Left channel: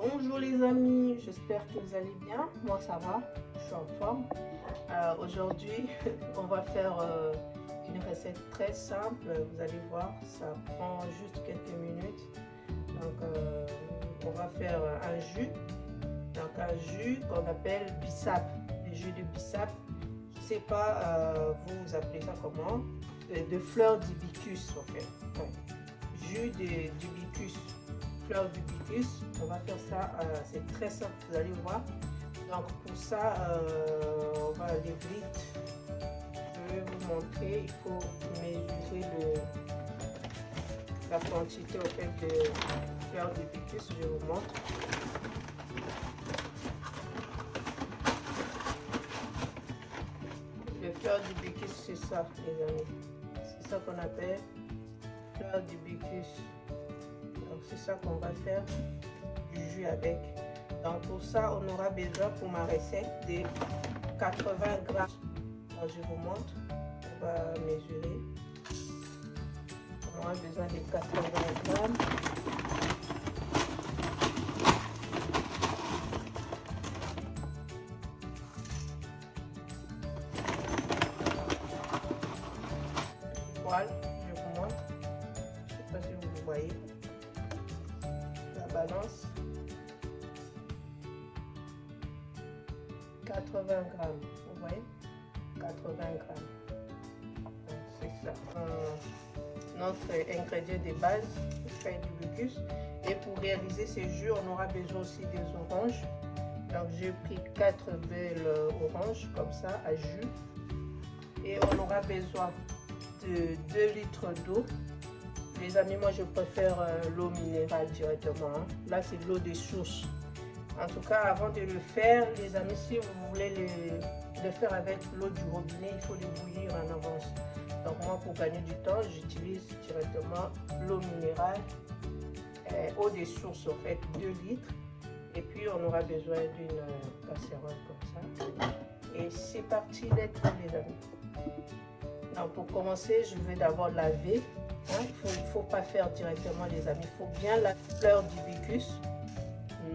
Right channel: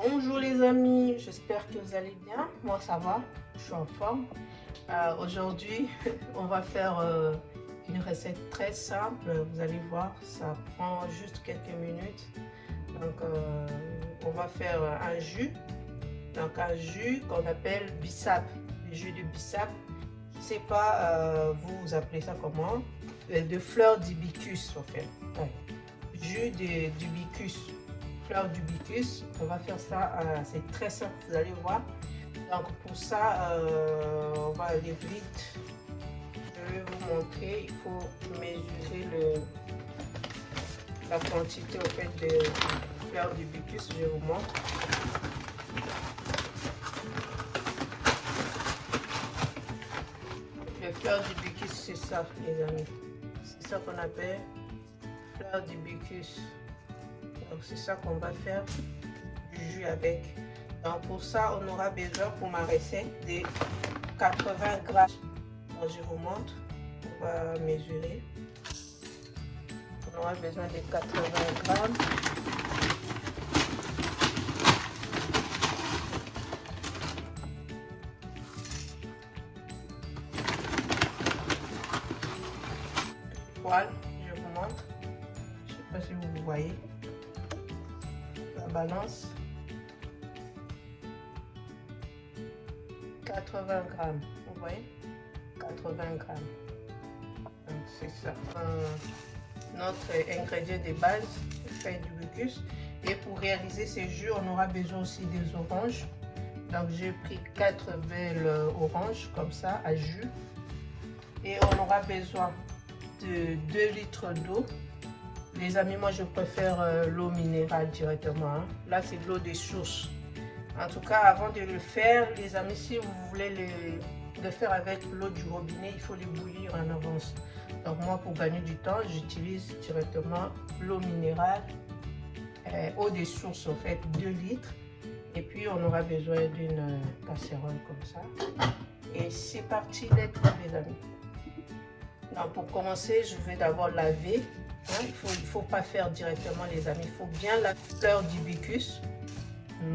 Bonjour les amis, j'espère que vous allez bien. Moi ça va, je suis en forme. Aujourd'hui, on va faire une recette très simple. Vous allez voir, ça prend juste quelques minutes. Donc, on va faire un jus. Donc, un jus qu'on appelle bissap. Le jus de bissap. Je ne sais pas, vous appelez ça comment? De fleurs d'hibiscus, en fait. Donc, jus d'hibiscus. Fleurs d'hibiscus, on va faire ça, c'est très simple, vous allez voir. Donc pour ça, on va aller vite. Je vais vous montrer, il faut mesurer la quantité en fait de fleurs d'hibiscus. Je vous montre. Les fleurs d'hibiscus, c'est ça les amis, c'est ça qu'on appelle fleurs d'hibiscus. Donc c'est ça qu'on va faire du jus avec. Donc pour ça, on aura besoin pour ma recette de 80 grammes. Donc je vous montre, on va mesurer. On aura besoin de 80 grammes. Voilà, je vous montre. Je ne sais pas si vous voyez. Balance 80 grammes, vous voyez, 80 grammes. C'est ça notre ingrédient de base, le feuille d'hibiscus. Et pour réaliser ces jus, on aura besoin aussi des oranges. Donc j'ai pris 4 belles oranges comme ça à jus. Et on aura besoin de 2 litres d'eau. Les amis, moi je préfère l'eau minérale directement. Là c'est de l'eau de source. En tout cas, avant de le faire, les amis, si vous voulez le faire avec l'eau du robinet, il faut les bouillir en avance. Donc moi, pour gagner du temps, j'utilise directement l'eau minérale, eau de source en fait, 2 litres. Et puis on aura besoin d'une casserole comme ça. Et c'est parti, les amis. Donc pour commencer, je vais d'abord laver. Il ne faut pas faire directement les amis, il faut bien la fleur d'hibiscus,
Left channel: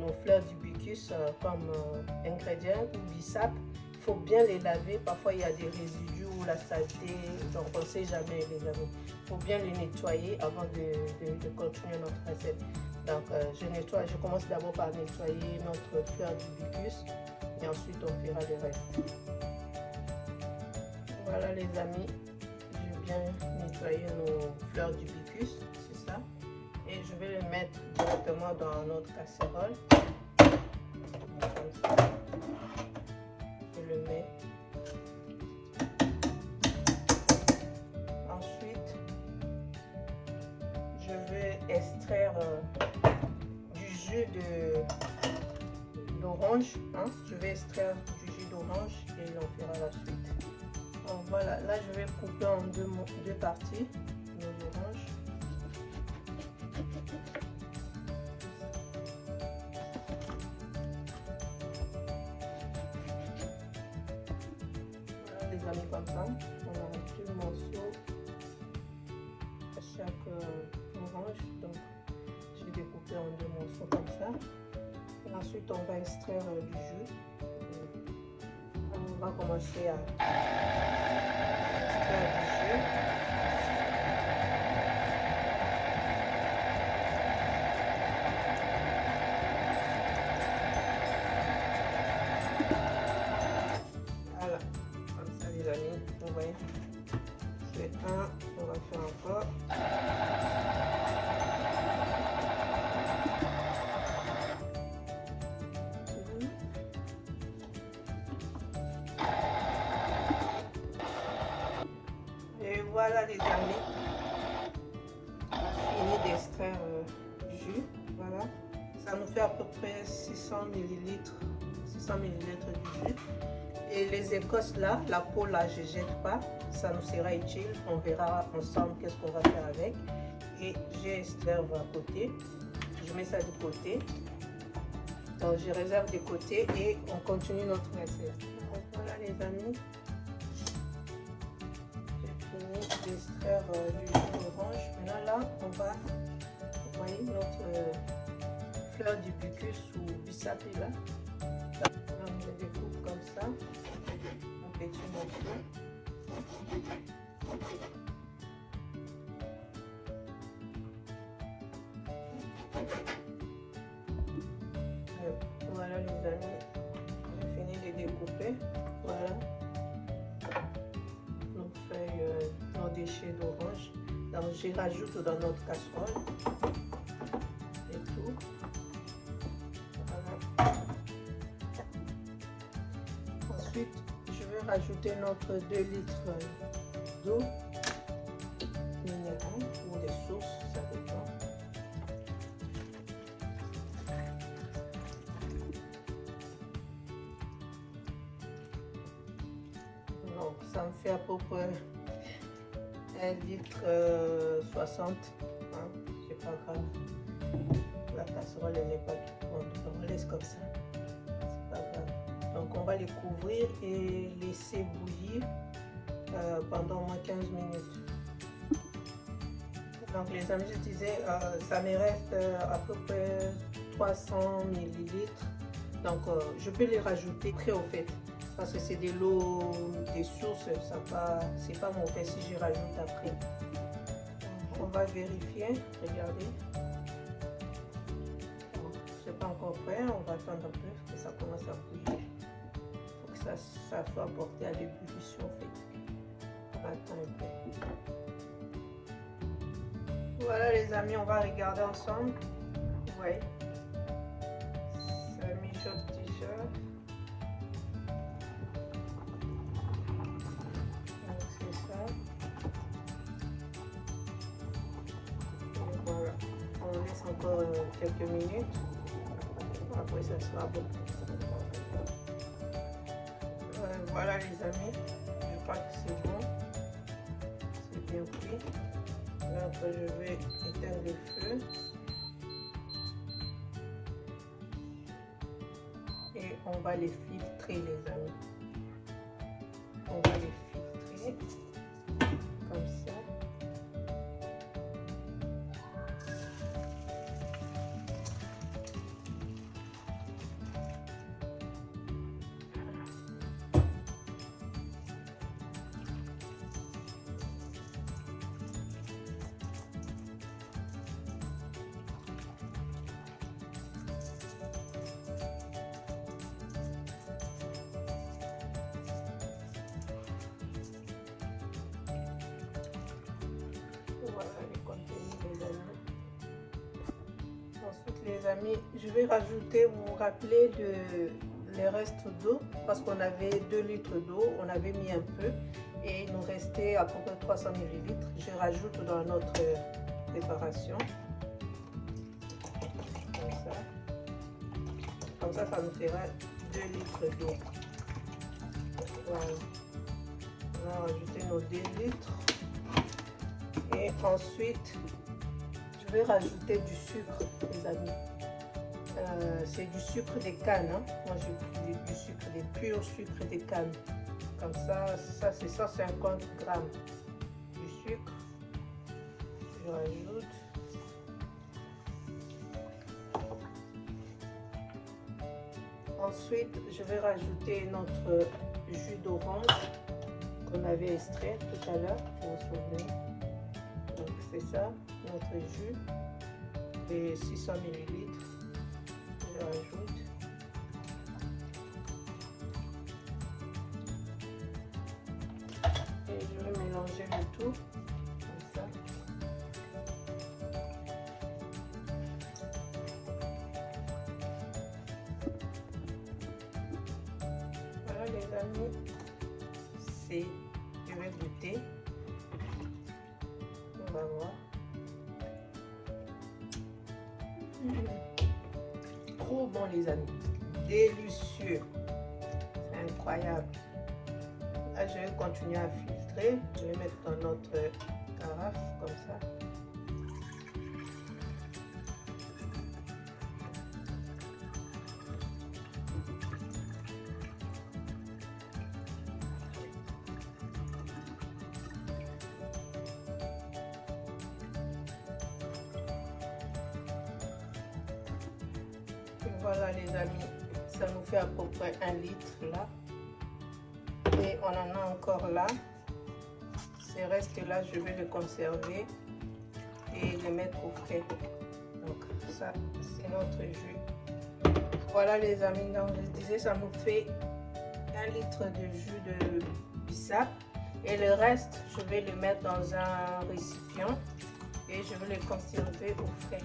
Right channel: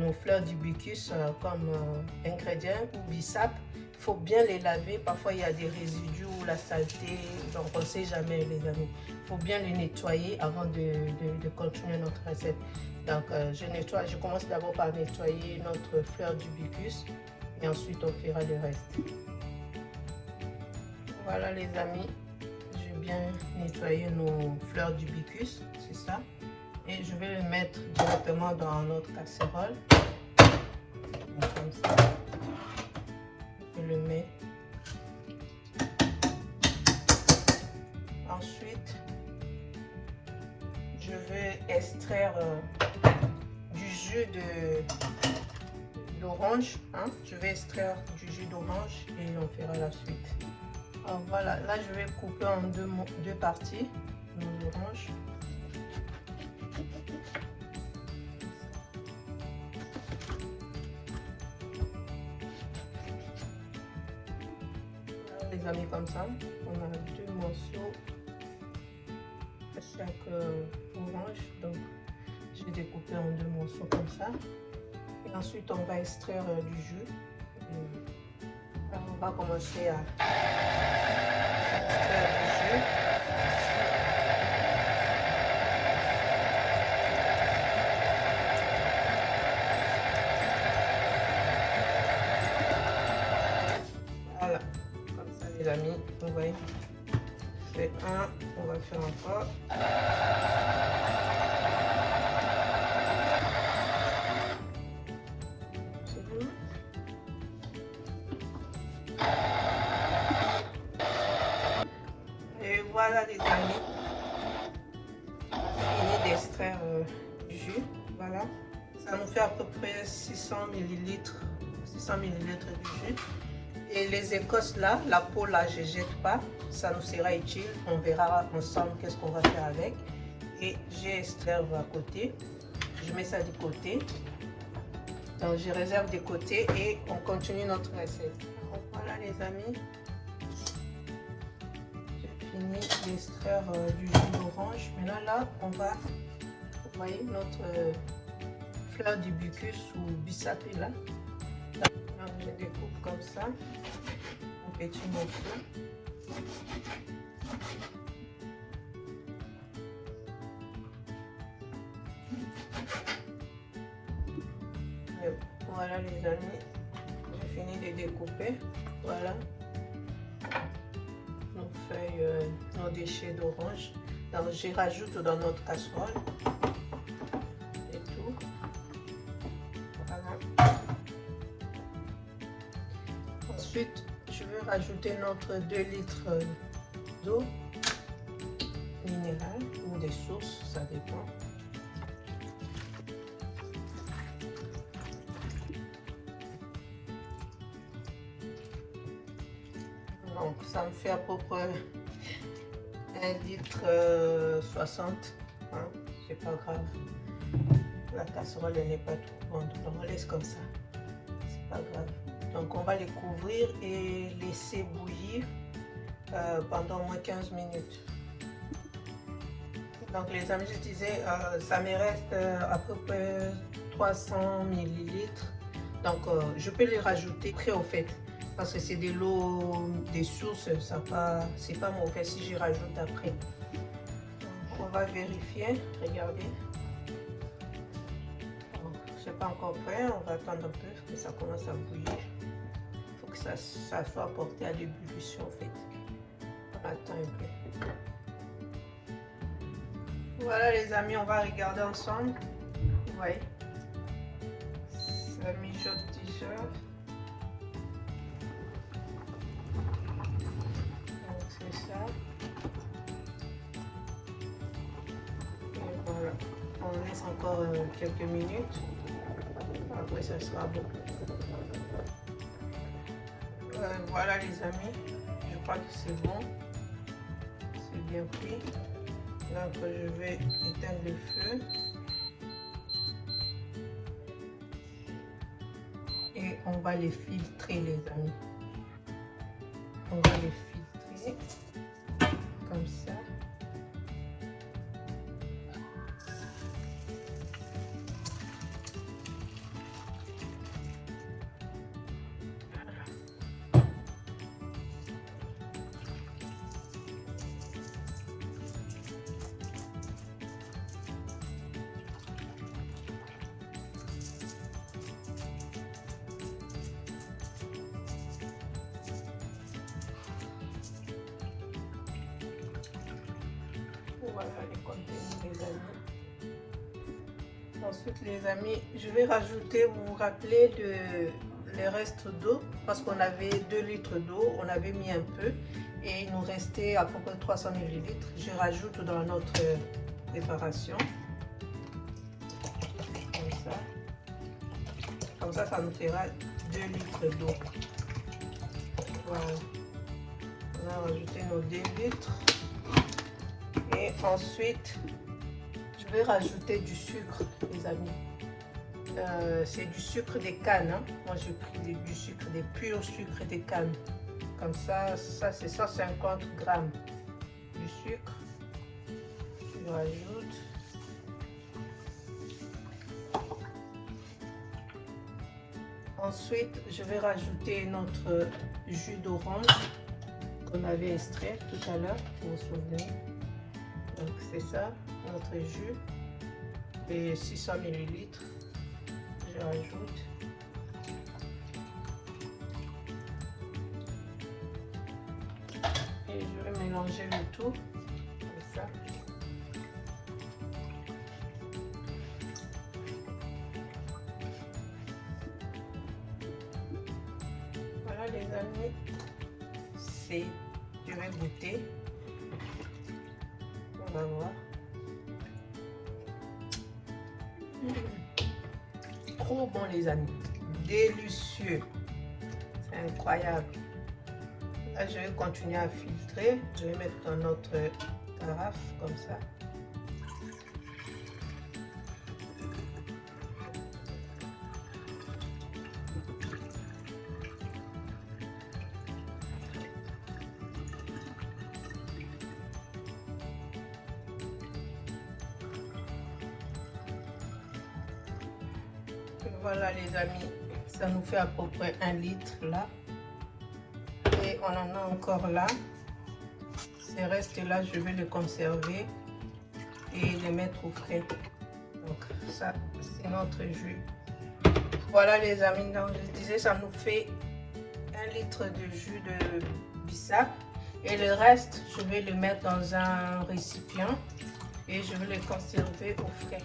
nos fleurs d'hibiscus comme ingrédients ou bissap, il faut bien les laver. Parfois il y a des résidus ou la saleté, donc on ne sait jamais les amis. Il faut bien les nettoyer avant de continuer notre recette. Donc je commence d'abord par nettoyer notre fleur d'hibiscus et ensuite on fera le reste. Voilà les amis, j'ai bien nettoyer nos fleurs d'hibiscus, c'est ça. Et je vais le mettre directement dans notre casserole. Comme ça. Je le mets. Ensuite, je vais extraire du jus d'orange. Je vais extraire du jus d'orange et on fera la suite. Donc voilà, là je vais couper en deux parties nos oranges. Voilà, les amis, comme ça. On a 2 morceaux à chaque orange. Donc je vais découper en 2 morceaux comme ça. Et ensuite on va extraire du jus. On va commencer à extraire du jus. Voilà, comme ça les amis, vous voyez, fait un, on va faire encore. Voilà les amis, fini d'extraire du jus. Voilà, ça nous fait à peu près 600 ml de jus. Et les écosses là, la peau là, je ne jette pas, ça nous sera utile. On verra ensemble qu'est-ce qu'on va faire avec. Et j'ai extrait à côté, je mets ça de côté. Donc je réserve de côté et on continue notre recette. Donc, voilà les amis. D'extraire du jus d'orange. Maintenant là, on va, vous voyez, notre fleur d'hibiscus ou bissapilla. Je découpe comme ça, en petits morceaux. Voilà les amis, j'ai fini de découper. Voilà nos feuilles, nos déchets d'orange. Donc j'y rajoute dans notre casserole. Et tout. Voilà. Ensuite, je vais rajouter notre 2 litres d'eau minérale ou des sources, ça dépend. Donc ça me fait à peu près 1 litre 60, hein, c'est pas grave. La casserole elle n'est pas trop grande, on la laisse comme ça, c'est pas grave. Donc on va les couvrir et laisser bouillir pendant au moins 15 minutes. Donc les amis, je disais, ça me reste à peu près 300 millilitres. Donc je peux les rajouter très au fait. Parce que c'est de l'eau des sources, c'est pas mon cas si j'y rajoute après. On va vérifier, regardez. C'est pas encore prêt, on va attendre un peu que ça commence à bouillir. Il faut que ça soit porté à l'ébullition en fait. On attend un peu. Voilà les amis, on va regarder ensemble. Vous voyez, ça mijote déjà. On laisse encore quelques minutes, après ça sera bon. Voilà les amis, je crois que c'est bon, c'est bien cuit. Donc je vais éteindre le feu et on va les filtrer les amis. On va les filtrer comme ça. Ensuite les amis, je vais rajouter, vous vous rappelez le reste d'eau, parce qu'on avait 2 litres d'eau, on avait mis un peu et il nous restait à peu près 300 ml. Je rajoute dans notre préparation. Comme ça, ça nous fera 2 litres d'eau. Voilà. On a rajouté nos 2 litres. Et ensuite, je vais rajouter du sucre, les amis. C'est du sucre de canne. Hein. Moi, j'ai pris du sucre, des purs sucres de canne. Comme ça c'est 150 grammes de sucre. Je rajoute. Ensuite, je vais rajouter notre jus d'orange qu'on avait extrait tout à l'heure. Donc c'est ça, notre jus. Et 600 ml. Je rajoute. Et je vais mélanger le tout. Comme ça. Voilà les amis. Je vais goûter. On va voir. Trop bon les amis, délicieux, c'est incroyable. Là je vais continuer à filtrer, je vais mettre dans notre carafe comme ça. Voilà les amis, ça nous fait à peu près 1 litre là. Et on en a encore là. Ces restes là, je vais les conserver et les mettre au frais. Donc ça, c'est notre jus. Voilà les amis, donc je disais, ça nous fait 1 litre de jus de bissap. Et le reste, je vais le mettre dans un récipient et je vais le conserver au frais.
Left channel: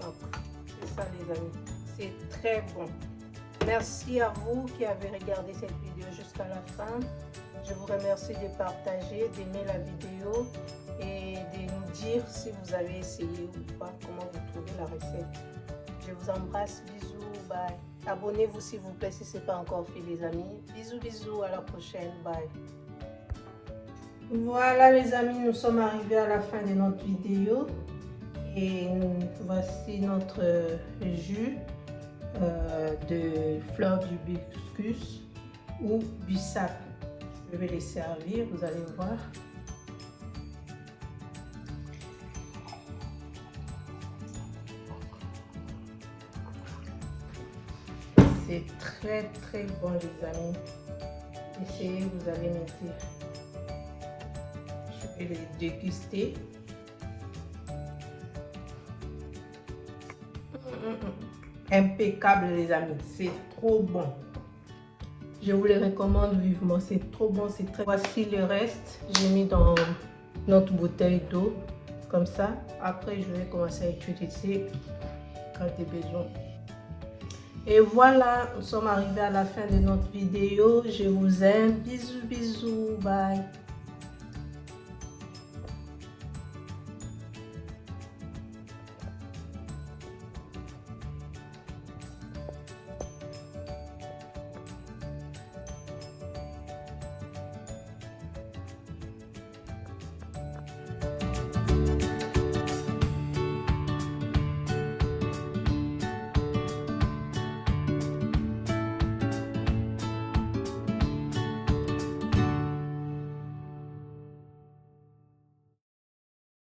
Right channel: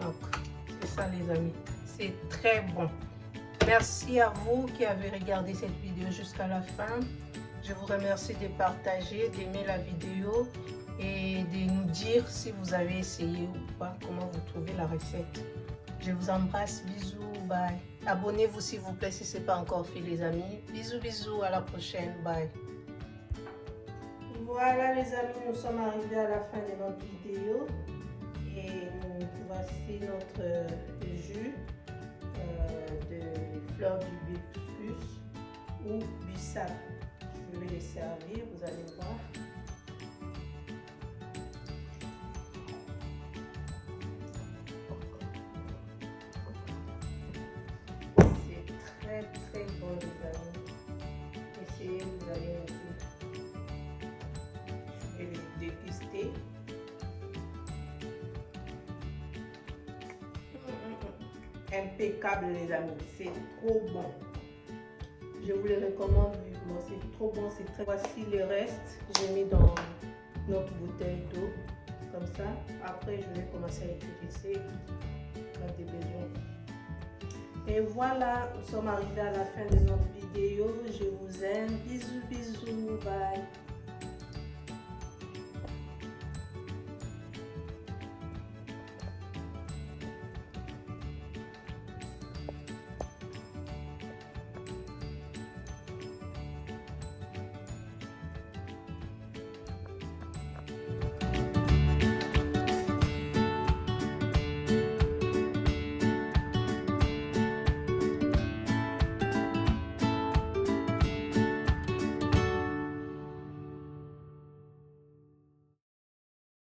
Donc, c'est ça les amis. C'est très bon. Merci à vous qui avez regardé cette vidéo jusqu'à la fin. Je vous remercie de partager, d'aimer la vidéo et de nous dire si vous avez essayé ou pas, comment vous trouvez la recette. Je vous embrasse, bisous, bye. Abonnez-vous s'il vous plaît si ce n'est pas encore fait les amis. Bisous, bisous, à la prochaine, bye. Voilà les amis, nous sommes arrivés à la fin de notre vidéo et voici notre jus de fleur d'hibiscus ou bissap. Je vais les servir, vous allez voir. C'est très très bon les amis. Essayez, vous allez me dire. Je vais les déguster. Impeccable les amis, c'est trop bon. Je vous les recommande vivement, c'est trop bon, c'est très... Voici le reste, j'ai mis dans notre bouteille d'eau, comme ça. Après, je vais commencer à utiliser quand j'ai besoin. Et voilà, nous sommes arrivés à la fin de notre vidéo. Je vous aime, bisous, bisous, bye.